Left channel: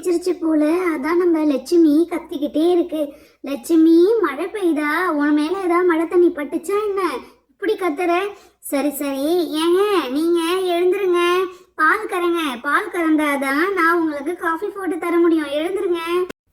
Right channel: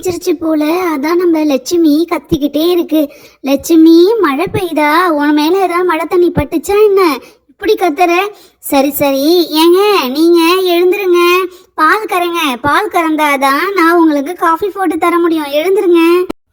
ஆரம்பிச்சிருச்சு போல. அதான் நம்ம லட்சுமி கத்திக்கிட்டே இருக்கு. லட்சுமி, மழை பெய்யுதா? உன் மேல ஏதாவது மழை தண்ணி பட்டுச்சா என்ன இப்படி கத்துற? சரி சரி, ஏங்க நீங்க எழுந்துருங்க. பால் கறந்தாதான் நான் உங்களுக்கு காஃபி போட்டு தர முடியும். எழுந்துருங்க.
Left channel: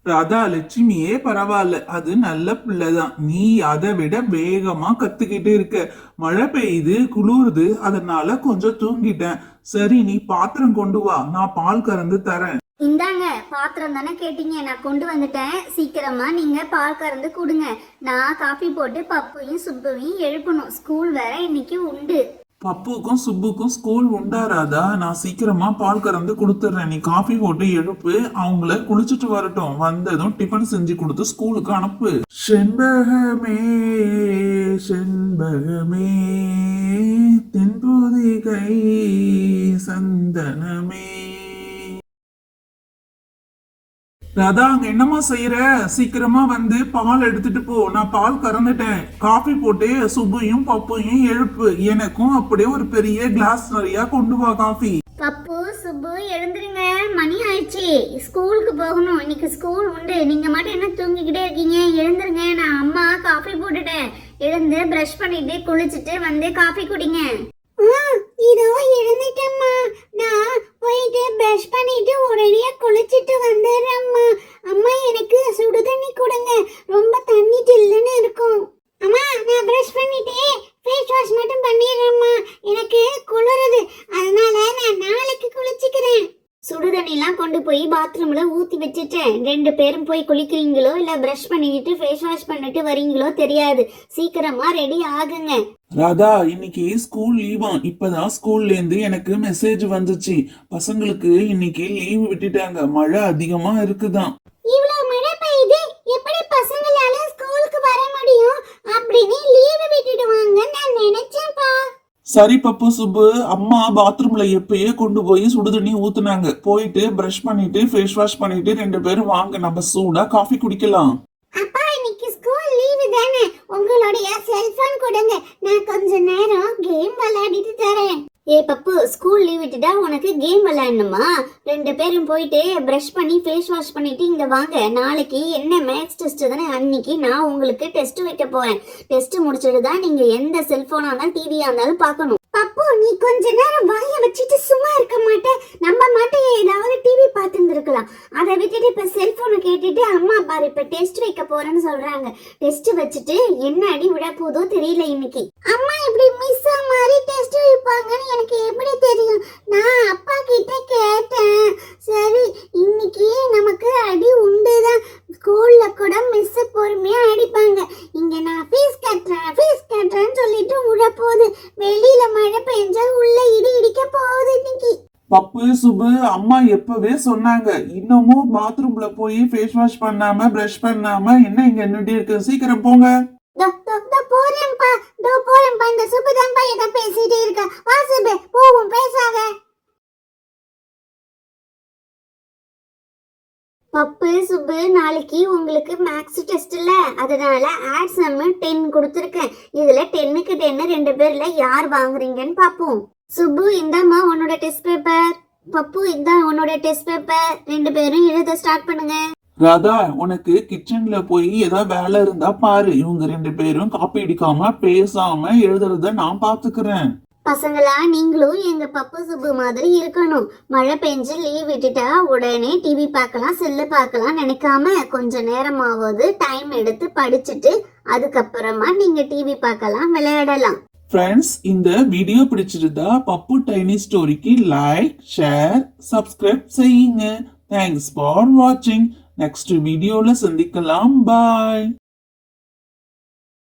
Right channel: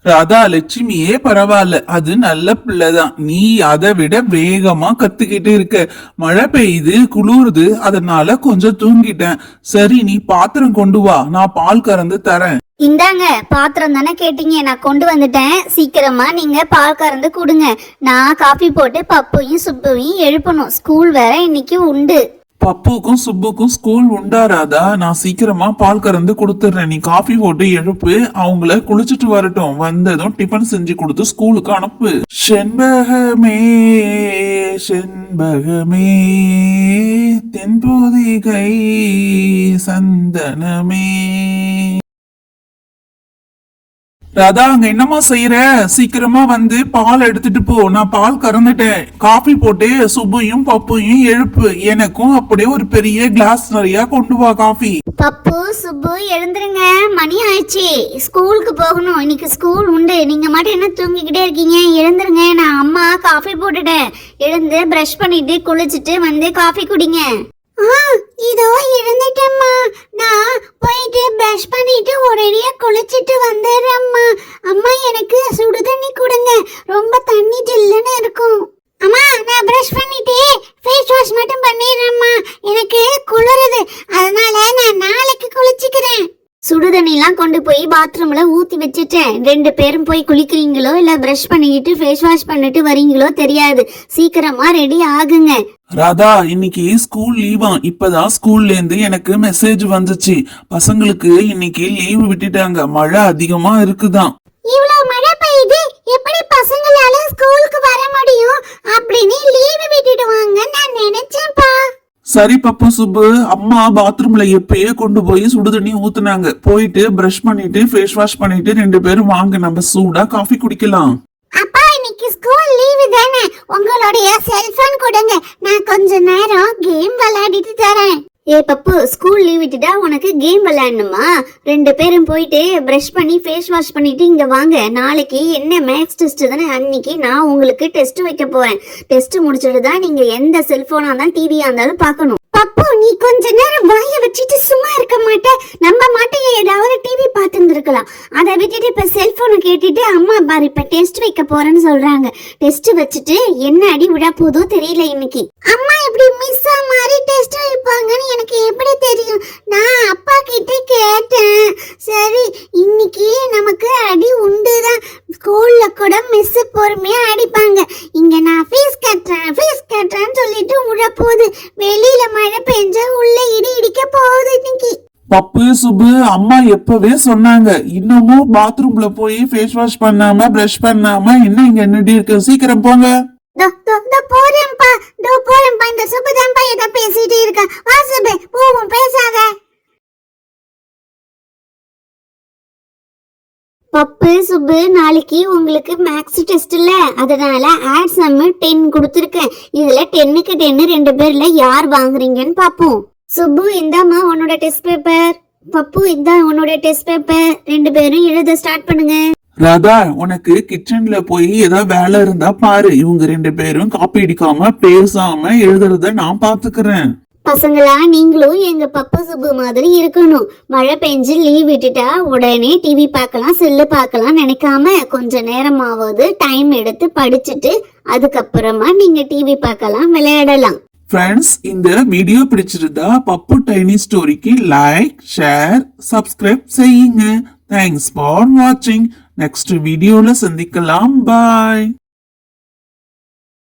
ராதா, லட்சுமியே பரவாயில்ல, அது நல்ல பிள்ளைதான். நீ அதை விட வேகமா கத்துக்கிட்டு இருக்க. மழை பெய்யுது, குளிருது, அதனால கொஞ்சம் தூங்கிட்டேன். சரி, நீ பாத்திரம் கொண்டு வா, நான் பால் கறந்து தரேன். இந்தாங்க, பாத்திரம் தானே கேட்டீங்க, நான் கொண்டு வந்துட்டேன். சீக்கிரமா நீங்க பால் கறந்து கொடுங்க. நான் காஃபி போட்டு பப்புவையும் சுப்புவையும் எழுப்பணும். ஸ்கூல் வேற இன்னைக்கு உண்டு. பப்புக்கும் சுப்புக்கும் ஸ்கூல் உண்டா ராதா? நான் சீக்கிரமா பால் கறந்து கொடுத்துறேன். நீ காஃபி போட்டு எழுப்பு, அவங்கள குளிச்சுட்டு வரட்டும். வந்ததும் டிஃபன் செஞ்சு கொடுத்து ஸ்கூலுக்கு அனுப்பு. செண்பகமே செண்பகமே தென்போதிகை சந்தனமே. ராதா, அங்க என்னமா செய்யற? சீக்கிரமா வந்து பால் எடுத்துட்டு போ. நான் பால் கறந்துட்டேன். காஃபி போட்டு சுப்பையும் பப்பையும் எழுப்பு. எனக்கும் அப்படியே ஒரு பெரிய கிளாஸ் நிறைய கொண்டு வா காஃபி. பப்பு, சுப்பு, எழுந்துருங்க. மணி ஆயிடுச்சு, ஸ்கூலுக்கு போகணும். இன்னைக்கு ஸ்கூல் உண்டு. நீங்க மட்டும் என்ன தூங்கிக்கிட்டே இருக்கீங்க? எழுந்துருங்க. நான் அம்மா காஃபி போட்டுட்டேன். எழுந்து பிரஷ் பண்ணிட்டு குளிச்சுட்டு வந்து காஃபி குடிங்க. இதோ எழுந்துட்டேம்மா. நான் போயிட்டு பிரஷ் பண்ணிட்டு ஒரேடியா குளிச்சிட்டு வந்துடுறேம்மா. அம்மா, எனக்கு சுடு தண்ணி கொடுங்க. ரொம்ப தண்ணி ஜில்லுன்னு இருக்கும். அம்மா, நான் பிரஷ் பண்ணிட்டு ஃபேஸ் வாஷ் மட்டும் பண்ணிடுறேம்மா. எனக்கு குளிருது, அதனால நான் நாளைக்கு குளிச்சுக்கிறேன். சுடு தண்ணிலாம் கொண்டு போய் பாத்ரூம்ல ஊத்தி வச்சுட்டேன். 2 பேரும் போய் குளிக்கிறீங்களோ இல்ல பிரஷ் பண்ணிட்டு ஃபேஸ் வாஷ் பண்ணிட்டு வரீங்களோ தெரியாது. சீக்கிரமா ரெடி ஆகுங்க. ராதா, இன்னைக்கு ஸ்கூல் லீவா? இப்பதான் ஸ்கூல்ல இருந்து எனக்கு மெசேஜ் வந்துச்சு. பசங்களுக்கு இன்னைக்கு லீவு விட்டுட்டாங்க. மழை அதிகமா இருக்குதான். இவ்வளவு மழை பெய்யுது, எப்படி பசங்களால ஸ்கூலுக்கு வர முடியும்? அப்படின்னு லீவு விட்டுடுவாங்க நான் நினைச்சேன்ப்பா. சரி பப்பு சுப்பு, அம்மா பாத்ரூம்ல எப்பயே கொண்டு போய் சுடு தண்ணி ஊத்துனாங்க. போயிட்டு பிரஷ் பண்ணிட்டு ஃபேஸ் வாஷ் பண்ணிட்டு 2 பேரும் வாங்க, நம்ம சூடா காஃபி குடிக்கலாம். அப்பா, இன்னைக்கு ஸ்கூல் லீவு தானே, உங்களுடைய செல்போன் கொடுங்க. நான் கொஞ்ச நேரம் கேம் விளையாடிட்டு தரேன். ஏ பப்பு, ஸ்கூல் லீவ் விட்டுட்டா உனக்கு கேம் விளையாடணுமா? 2 பேரும் போயிட்டு பிரஷ் பண்ணி ஃபேஸ் வாஷ் பண்ணிட்டு இங்க வாங்க. நாளைக்கு என்ன மேக்ஸ் டெஸ்ட் தானே, அன்னைக்கு நான் உங்களுக்கு டெஸ்ட் வைக்க போறேன். டெஸ்ட் முடிச்சிட்டு தான் நீங்க எந்த செல்போனா இருந்தாலும் டிவியா இருந்தாலும் பார்க்கணும். பப்பு, நீ கொஞ்ச நேரம் வாய வச்சுட்டு சும்மா இருக்க மாட்டே? நம்ம மாட்டே ஏதாவது டிவி பார்த்துட்டு இருக்கலாம். அதை விட்டுட்டு இப்ப செல்போனை கேட்டுட்டு அம்மா பாரு இப்ப டெஸ்ட் வைக்க போறேன்னு சொல்றாங்க. டெஸ்ட் வச்சுட்டு என்ன அடி விட போதோ தெரியல இன்னைக்கு. அம்மா இப்படி மிஸ் மாதிரி டெஸ்ட் வைப்பாங்கன்னு எனக்கு எப்படி தெரியும்? நான் அப்பா கிட்ட கேட்டேன். சரி, இன்னைக்கு நமக்கு அடி உண்டுதான். ஸ்கூல்ல கூட மிஸ் பொறுமையா அடிப்பாங்க. இங்க நான் ஃபீஸ் கட்டுறேன்னு சொல்லிட்டு உள்ள போகுது. வெளியில மழை பெஞ்சா உள்ள இடி இடிக்க போகுது இன்னைக்கு. பப்பு சுப்பு, அம்மா எப்பவே சொன்னாங்க, இன்னமும் பாத்ரூம்ல போய் ஃபேஸ் வாஷ் பண்ணாம பிரஷ் பண்ணாம என்ன இங்க நின்னுட்டு இருக்கு? சீக்கிரம் போங்க. போறேன்ப்பா. இந்த சுப்பு தான்ப்பா ஏதோ பேசிட்டு இருக்கா. வா சுப்பு, போவோம், பேசாத. பப்பு, சுப்பு, நாளைக்கு உங்களுக்கு மேக்ஸ் டெஸ்ட் இல்ல, அதனால ஆட்ஸ் நம்ம 10 கொடுத்துருக்கேன். இதுல 10க்கு 10 2 பேர்ல யார் வாங்குறீங்கன்னு பாப்போம். சுப்பு, இந்தாமா உன்னோட டெஸ்ட் பேப்பர். பப்பு, இதா உன்னோட டெஸ்ட் பேப்பர். 2 பேரும் எழுத ஸ்டார்ட் பண்ணுங்க. ராதா, உனக்கு கிச்சன்ல போய் ஏதாவது வேலை இருந்தா பாரு. இவங்க 2 பேரும் காப்பி அடிக்காம பேசாம எழுதுறத நான் பாத்துக்கிறேன். பசங்களா, நீங்களும் எங்க பப்பு சுப்பு மாதிரி இருக்கணும். மழை பெஞ்சு லீவ் விட்டுட்டா உடனே டிவி பார்க்கலாம், செல்லு பார்க்கலாம் நினைக்காம கொஞ்ச நேரமாவது டைம் எடுத்து படிச்சுட்டு அதுக்கப்புறமா நீங்க டிவி பார்க்கலாம், விளையாடலாம். ஃப்ரெண்ட்ஸ், இந்த வீடியோ பிடிச்சிருந்தா பப்பு டைனி ஸ்டோரிக்கு லைக், ஷேர், சப்ஸ்கிரைப் செய்யுங்க. தேங்க்ஸ் ஃபார் வாட்சிங். நெக்ஸ்ட் வீடியோல சந்திக்கலாம். பாய்.